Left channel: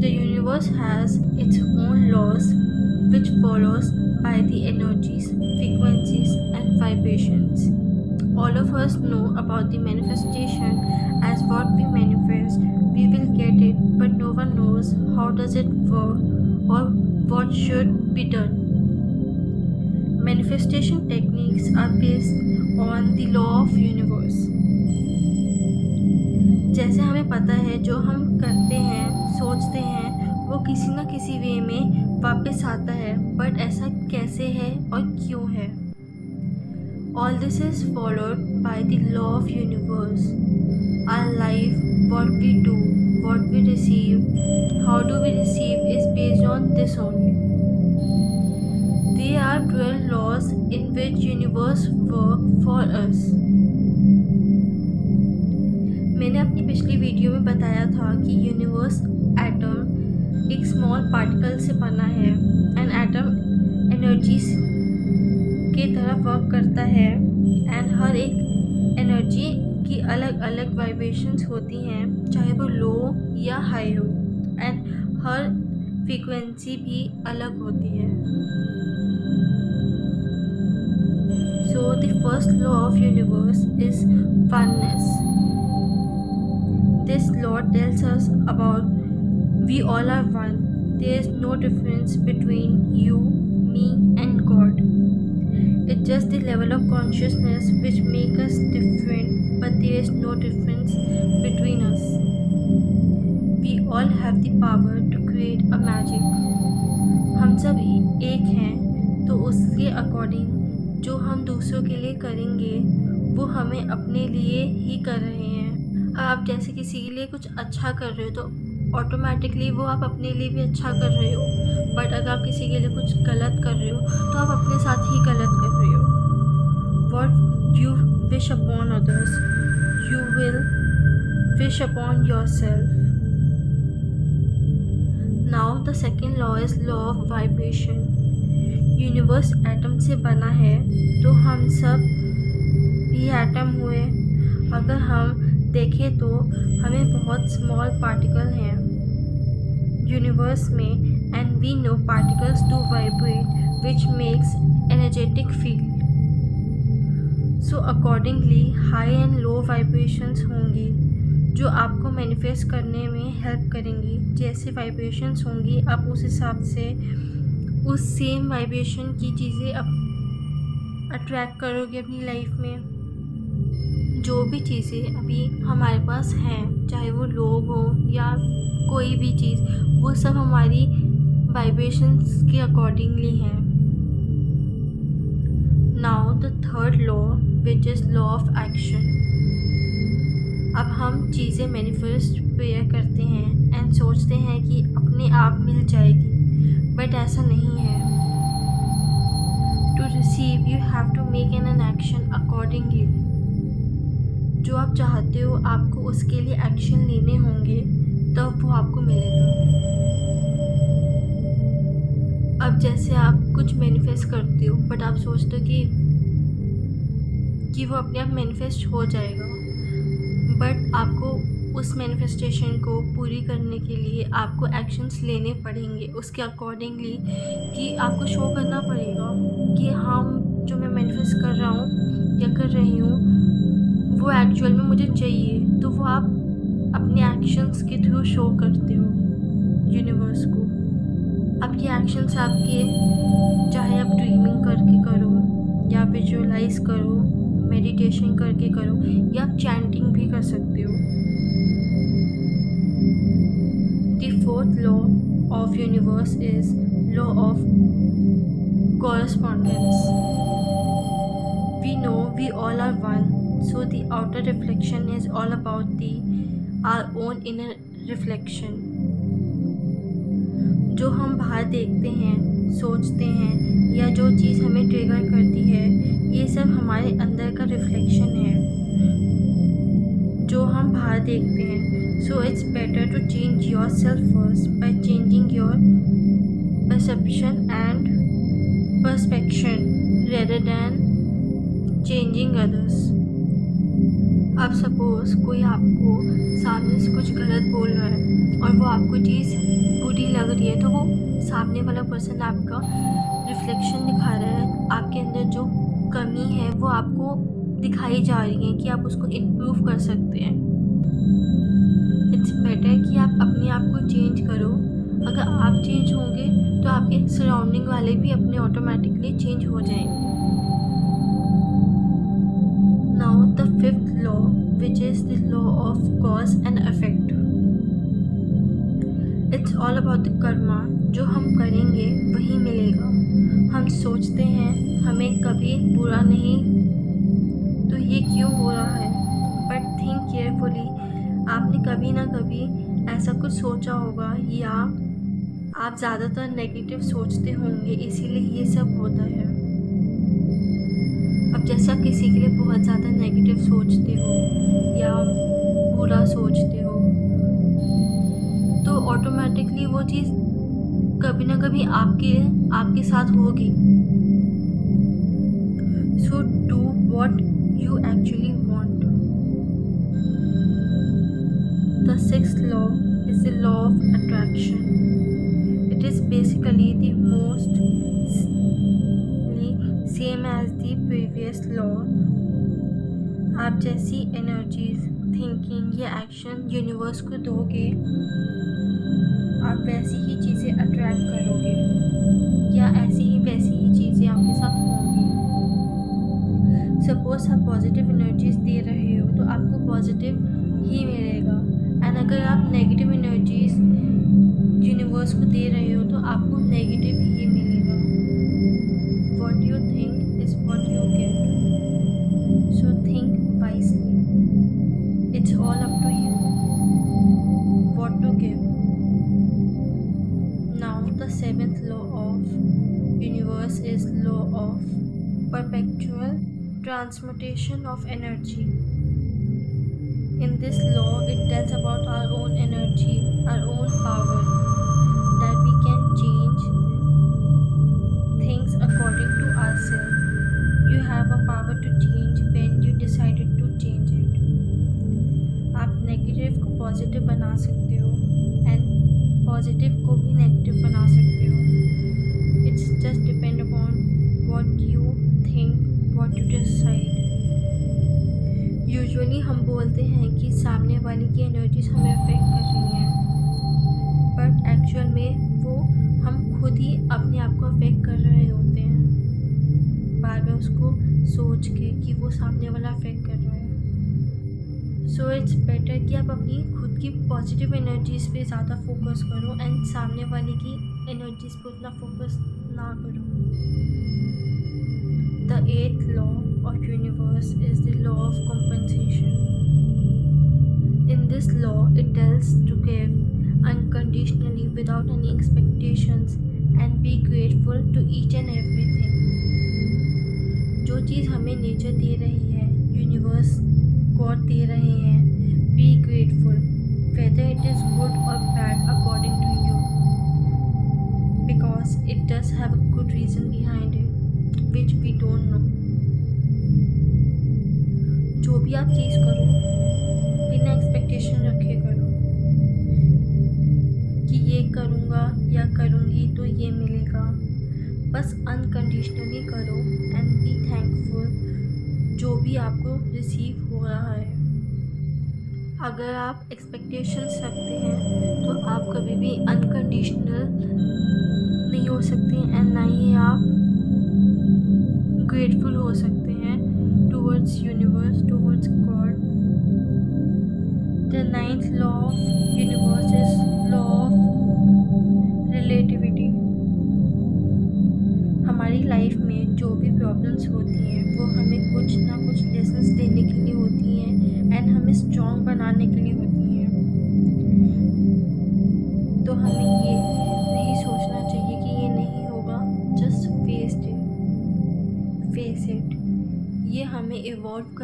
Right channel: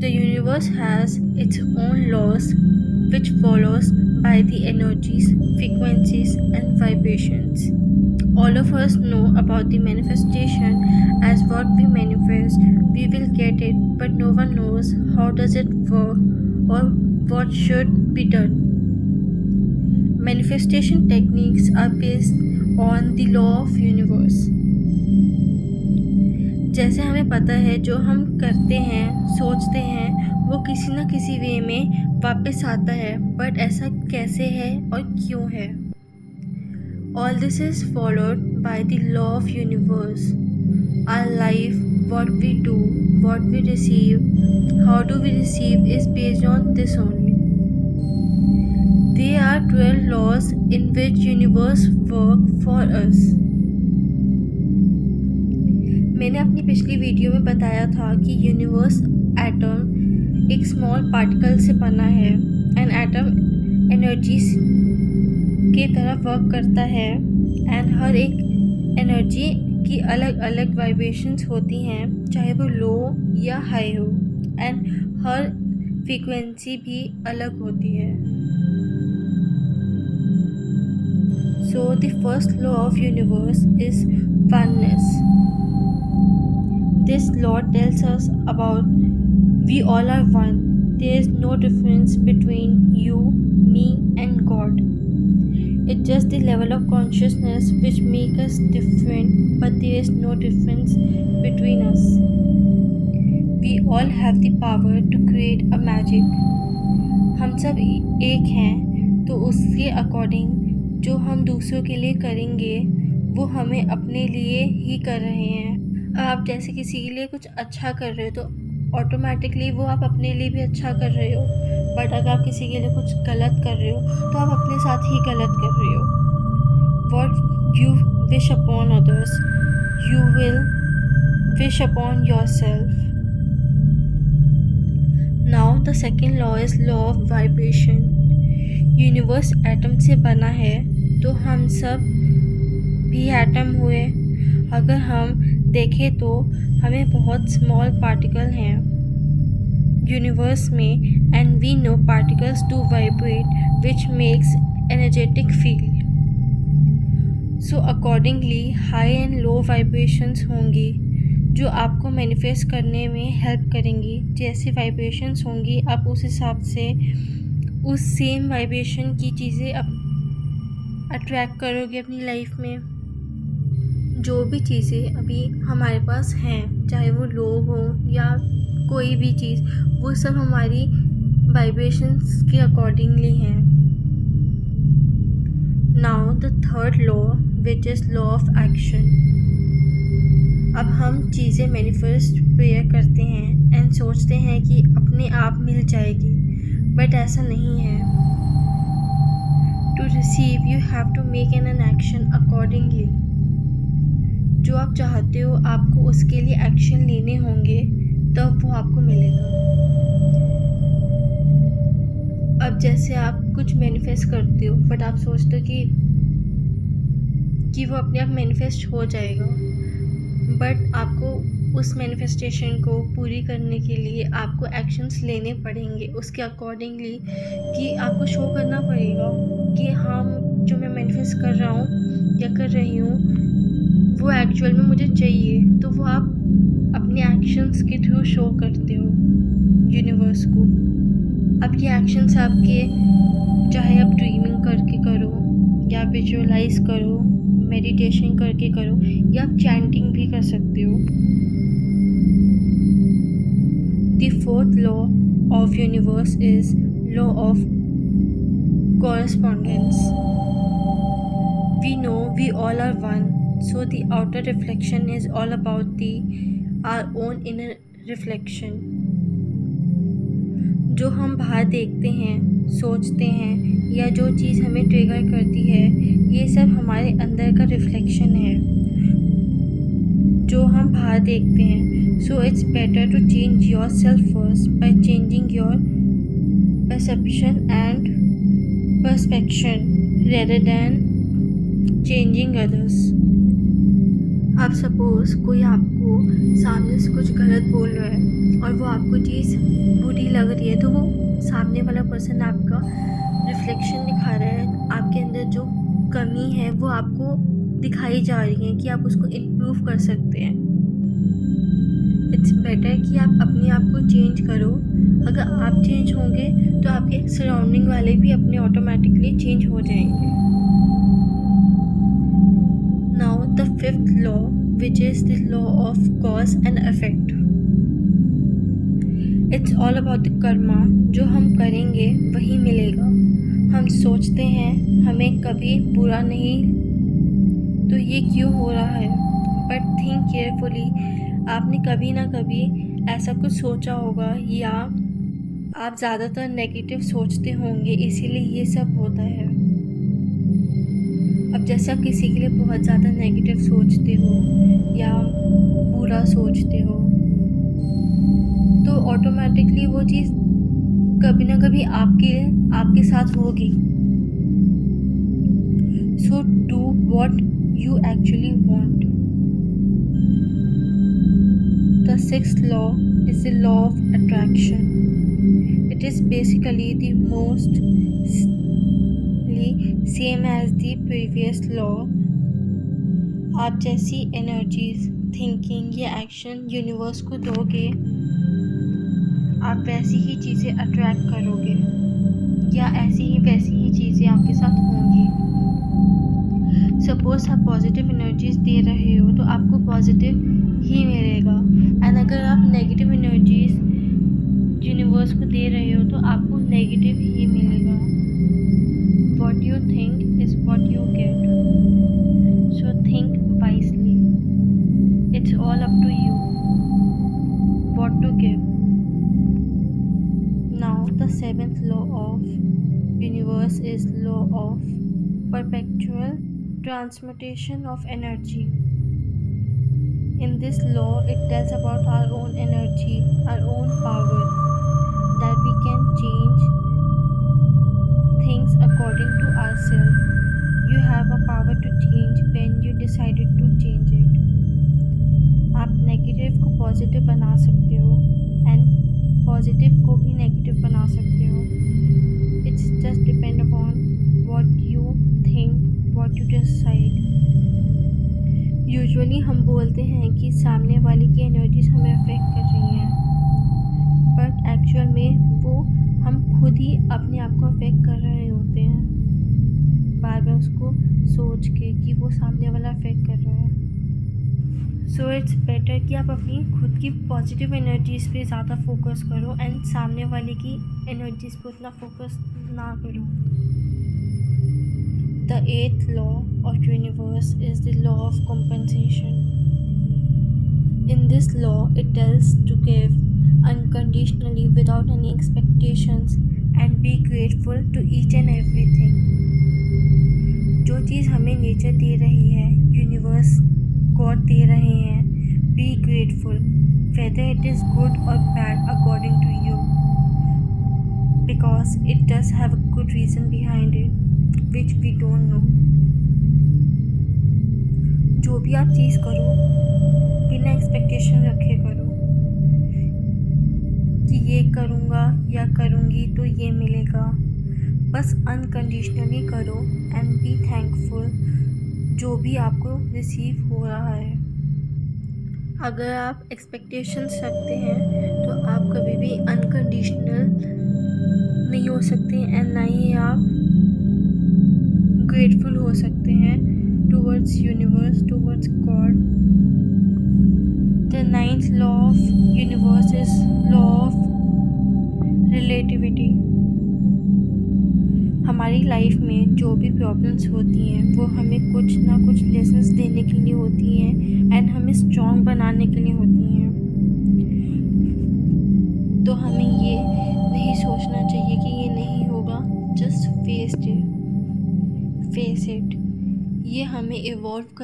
The universe has its own laws which follows by the energies, frequencies and vibrations. All of us know about the manifestation as what we manifest, we will get it, but no one knows how does it work or what should be done. Manifestation techniques are based on the law of universe. जैसे हमें पता है जो हम करते हैं, सोचते हैं, वो किसी न किसी वे में वापस आता है, बट ऐसा कैसे है और क्यों है? All this is followed by the law of universe. Our life, what we do, what we receive, how do we receive is based on this only. There are 12 laws in which universe work for us. मैंने अपनी पिछली video में बताया था कि universe atom एक small particle से बना है एंड एटम एनर्जीज के तरह वर्क करता है एंड हर एक एनर्जी की अलग अलग वाइब्रेशंस होती हैं, चाहे वो लो या हाई हो, एंड हर फ्रीक्वेंसी भी अलग होती है. So the first law of universe is oneness. This law tells us about we all are one. There is no difference between you, me and God. It's just the level of consciousness which make us different, but there is no difference between us. We all have the power to create a magic. हम सब एक हैं, तो उसके according जो हम दूसरों के लिए करेंगे वो हमें अपने लिए ही कर रहे हैं. आप जैसे किसी के लिए कुछ अच्छा कर रहे हो तो ऑटोमेटिकली वो आप अपने लिए भी अच्छा कर रहे हो, बट अगर आप किसी के लिए कुछ गलत कर रहे हो तो आप अपने साथ ही गलत कर रहे हो. What you wish upon others you will wish upon your self. Now the second law is law of vibration. Universe atom से बना है तो हम सब भी एटम हुए. अगर हम देखें तो हमें बहुत स्मॉल पार्टिकल हैं यूनिवर्स में, and we know particles do vibrate which makes energetic field. So accordingly high and low vibrations होंगी जो आपको मैनिफेस्ट करने में हेल्प करेंगी. जैसे वाइब्रेशंस होंगी आप उस हिसाब से उस सेम वाइब्रेशन की चीज़ें अट्रैक्ट करोगे अपनी लाइफ में. जो भी चीज़ें अभी हमारे पास हैं, चाहे वो लोग हों या कोई भी चीज़, वो सब हमारी वाइब्रेशंस के अकॉर्डिंगली हैं. Now the third law which is law of action. अब हम चीज़ें मैनिफेस्ट प्रेयर करते हैं एंड सोचते हैं कि अपने आप मिल जाएगी, बट ऐसा नहीं है. To receive you have to make an action accordingly. जो आप चाहते हो आपको उसके लिए एक्शन लेने होंगे तब वो आपको मिलेगा. अब जैसे आप कुछ मैनिफेस्ट करते हो बट आप सोचते हो कि वो अपने आप मैनिफेस्ट हो जाएगा, बट आपको उस मैनिफेस्टेशन को पूरी करने के लिए आपको एक्शंस लेने पड़ेंगे उसके अकॉर्डिंगली, कि आपको शो करना पड़ेगा कि हाँ जो मैं मैनिफेस्ट कर रहा हूँ या कर रही हूँ वो एक्चुअल में मुझे चाहिए. तो वो आप अपने एक्शंस के थ्रू शो करते हो यूनिवर्स को. अब ये एक्शंस आपके, चाहे आप ड्रीमिंग करके करो या विजुअलाइज करो, मेडिटेशन करके करो, या आप चैंटिंग भी कर सकते हो. The fourth law of universe is law of correspondence. We know we all are one. So the outer reflection is all about our own inner reflection. जो हम बाहर देखते हैं, सोचते हैं या जो चीज़ हमें ट्रिगर करती है, ये सब हमारे अंदर का रिफ्लेक्शन है जो हम बाहर देखते हैं. So it's better to change yourself first by changing your perception and perspection rather than changing others. अब सपोज़ कोई आपको सामने से कुछ गलत बोल रहा है और वो आपको चीज़ बुरी लग रही है, तो वो सामने वाला पर्सन आपका रिफ्लेक्शन दिखा रहा है, आपके अंदर जो कमी है वो आपको दिखाई जा रही है कि आप उसको इम्प्रूव कर सकते हैं। इट्स बेटर कि आप अपने आप को चेंज करो। अगर आप चेंज होंगे तो आपके सराउंडिंग वाले भी अपने ऑटोमेटिकली चेंज हो जाएंगे। Now the fifth law, which is the law of cause and effect. It's all about the karma. जो हम करेंगे वही मिलेगा। हम सोचते हैं हमें कभी बुरा नहीं, तो ये क्यों हो रहा है, बट थिंक केयरफुली। आपने कभी ना कभी ऐसा कुछ सोचा होगा या आप ज़्यादातर नेगेटिव सोचते होंगे, इसीलिए ये सब होता है। अब जैसे आप किसी के लिए बहुत ज़्यादा नेगेटिव सोचते हो या बुरा सोचते हो, तो ऑटोमेटिकली वो चीज़ कभी ना कभी आपके साथ होगी। So do what you actually want. The sixth law is the law of attraction. It is basically the most same as the previous law. आप जैसी एनर्जीज, थिंकिंग या एक्शन यूनिवर्स को दोगे, आप वैसी ही चीज़ें अट्रैक्ट करोगे या वैसी ही चीज़ें आपके साथ होंगी। सपोज आप पॉजिटिव एनर्जीज दे रहे हो तो आपको पॉजिटिव ही मिलेगा, एंड अगर आप नेगेटिव एनर्जीज यूनिवर्स को दे रहे हो तो आपको नेगेटिव ही मिलेगा। What you think is what you get. So think wisely. It's all up to you what to give. Now the seventh law of universe is law of perpetual transmutation of energy. In this law, it tells about our own energy, our own power, that we can change things according to ourselves. You have a power to change when you decided to change it. आप negative को positive बना सकते हो and positive को भी negative बना सकते हो। It's just depend upon what you think, what you decide. Usually हम बोलते हैं कि सामने वाले की एनर्जीज हमें अफेक्ट कर रही हैं, बट एक्चुअल में वो हम खुद ही अपने आप को अफेक्ट कर रहे होते हैं, बार बार उसको सोच के कि वो सामने वाला अफेक्ट कर रहा है। सो इट्स बेटर कि आप अपनी खुद की पॉजिटिव एनर्जीज पे ज़्यादा फोकस करो एंड सामने वाले की एनर्जीज पे उतना फोकस ना करो। The eighth law of universe is the law of compensation. In this law, it tells to give unconditionally without any expectations and be grateful to each and everything. जो चीज़ हमें nature दे रही है, universe God दे रहे हैं, be grateful whether it is good or bad according to you, because it does have a good reason behind it which we don't know. जो भी आप चीज़ करो बिना एक्सपेक्टेशन रखे करो कि ये करूँगा या करूँगी तो ये मिलेगा। बस अनकंडीशनली करो एंड बी थैंकफुल जो भी आपको रिसीव हो रहा है। अगर आप एक्सपेक्टेशंस रखते हैं तो आप कभी भी अनकंडीशनल नहीं हो सकते एंड ना ही आप ग्रेटफुल हो सकते हैं towards universe, towards God. The ninth law of universe is law of relativity. हमारी लाइफ में जो भी प्रॉब्लम्स होती हैं वो हमें कुछ ना कुछ लेसन्स देने के लिए होती हैं एंड हमें स्ट्रॉन्ग बनाने के लिए होती हैं। तो हमें ये नहीं सोचना चाहिए कि ये नहीं होगा, जस्ट फेस इट। ये हमें इवॉल्व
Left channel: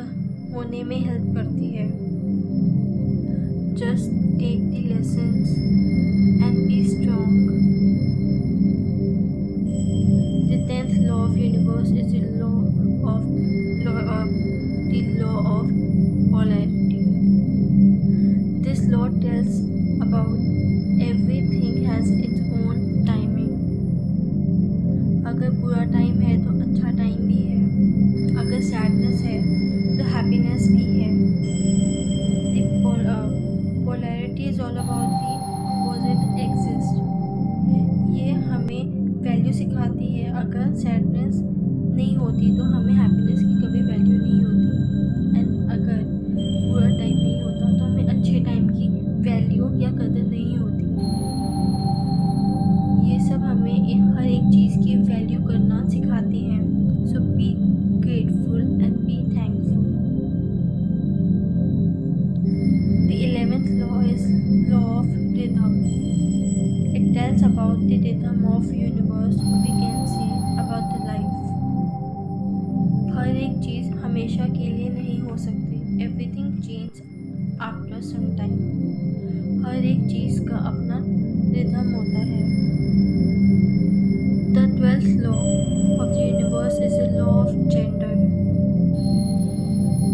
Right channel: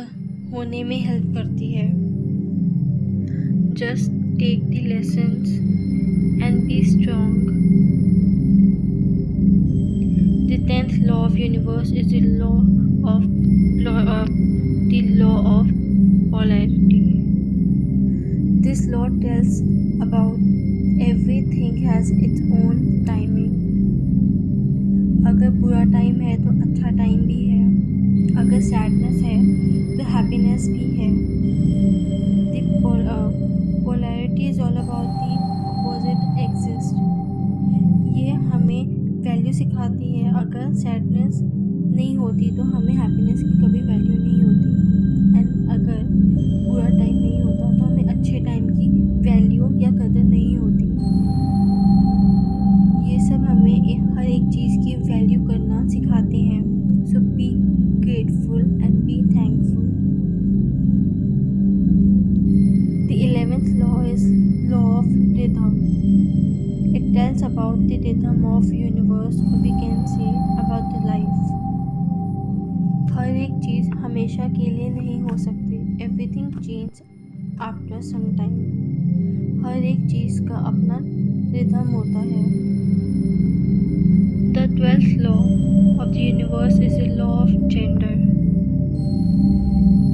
होने में हेल्प करती है। Just take the lessons and be strong. The 10th law of universe is the law of polarity. This law tells about everything has its own timing. अगर बुरा time है तो अच्छा टाइम भी है, अगर सैडनेस है तो हैप्पीनेस भी है. Polarity is all about the opposite exist. ये हमें वैल्यू सिखाती है. अगर सैडनेस नहीं होती तो हमें हैप्पीनेस की कभी वैल्यू नहीं होती. एंड अगर बुरा टाइम नहीं होता तो हमें अच्छे टाइम की वैल्यू या कदर नहीं होती. ये सब हमें हर एक चीज़ की वैल्यू करना सिखाते हैं. So be grateful and be thankful. The 11th law is law of rhythm. It tells about the rhythm of universe, or we can say about the life. हर एक चीज़ हमेशा के लिए नहीं हो सकती. Everything changes after some time. हर एक चीज़ का अपना रिदम होता है. The 12th law of the universe is the law of gender.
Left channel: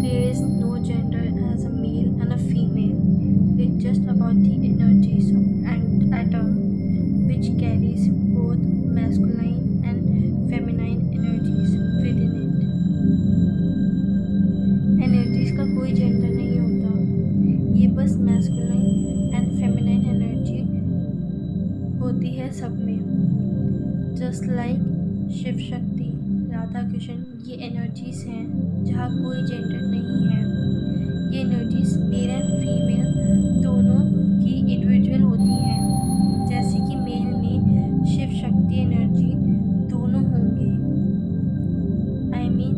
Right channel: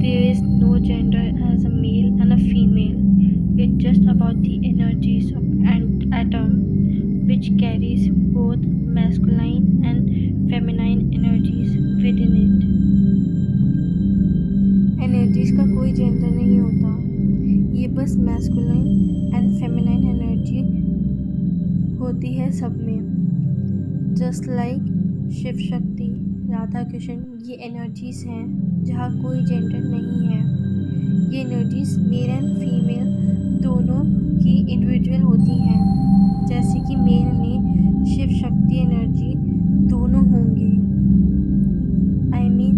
There is no gender as a male and a female. It's just about the energies of an atom which carries both masculine and feminine energies within it. Energies का कोई gender नहीं होता. ये बस masculine and feminine energy होती है सब में. जस्ट लाइक शिव शक्ति, राधा कृष्ण, ये एनर्जीज हैं जहाँ कोई जेंडर नहीं है. ये एनर्जीज मेल एंड फीमेल दोनों की इंडिविजुअल होती हैं. जैसे कि मेल में शिव शक्ति एनर्जी दोनों होंगे. I mean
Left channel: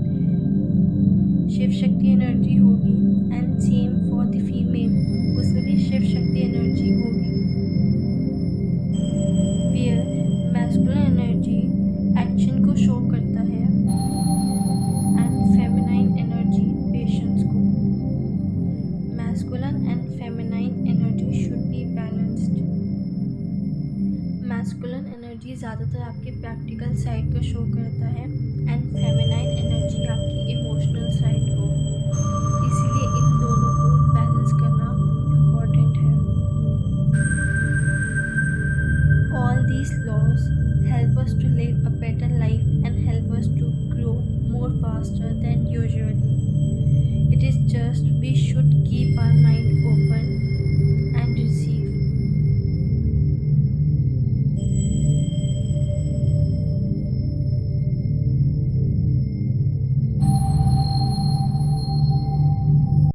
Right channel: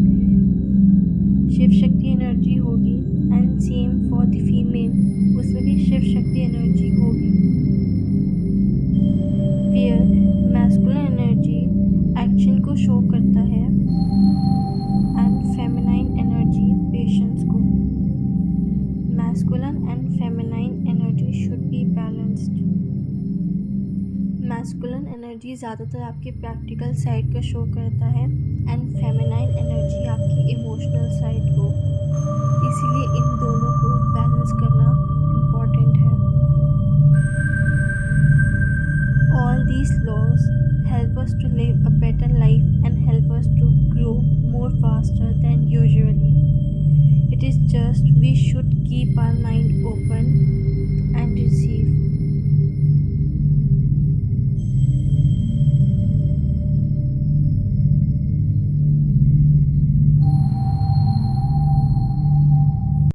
Shiv Shakti energy होगी. And same for the female, उसमें भी शिव शक्ति एनर्जी होगी. वेयर मैस्कुलिन एनर्जी एक्शन को शो करता है एंड फेमिनाइन एनर्जी पेशेंस को. Masculine and feminine energy should be balanced. Masculine energy ज़्यादातर आपके प्रैक्टिकल साइड को शो करता है एंड फेमिनाइन एनर्जी आपकी इमोशनल साइड को. इसीलिए इन दोनों को बैलेंस करना इम्पॉर्टेंट है. All these laws help us to live a better life and help us to grow more faster than usually. It is just we should keep our mind open and receive.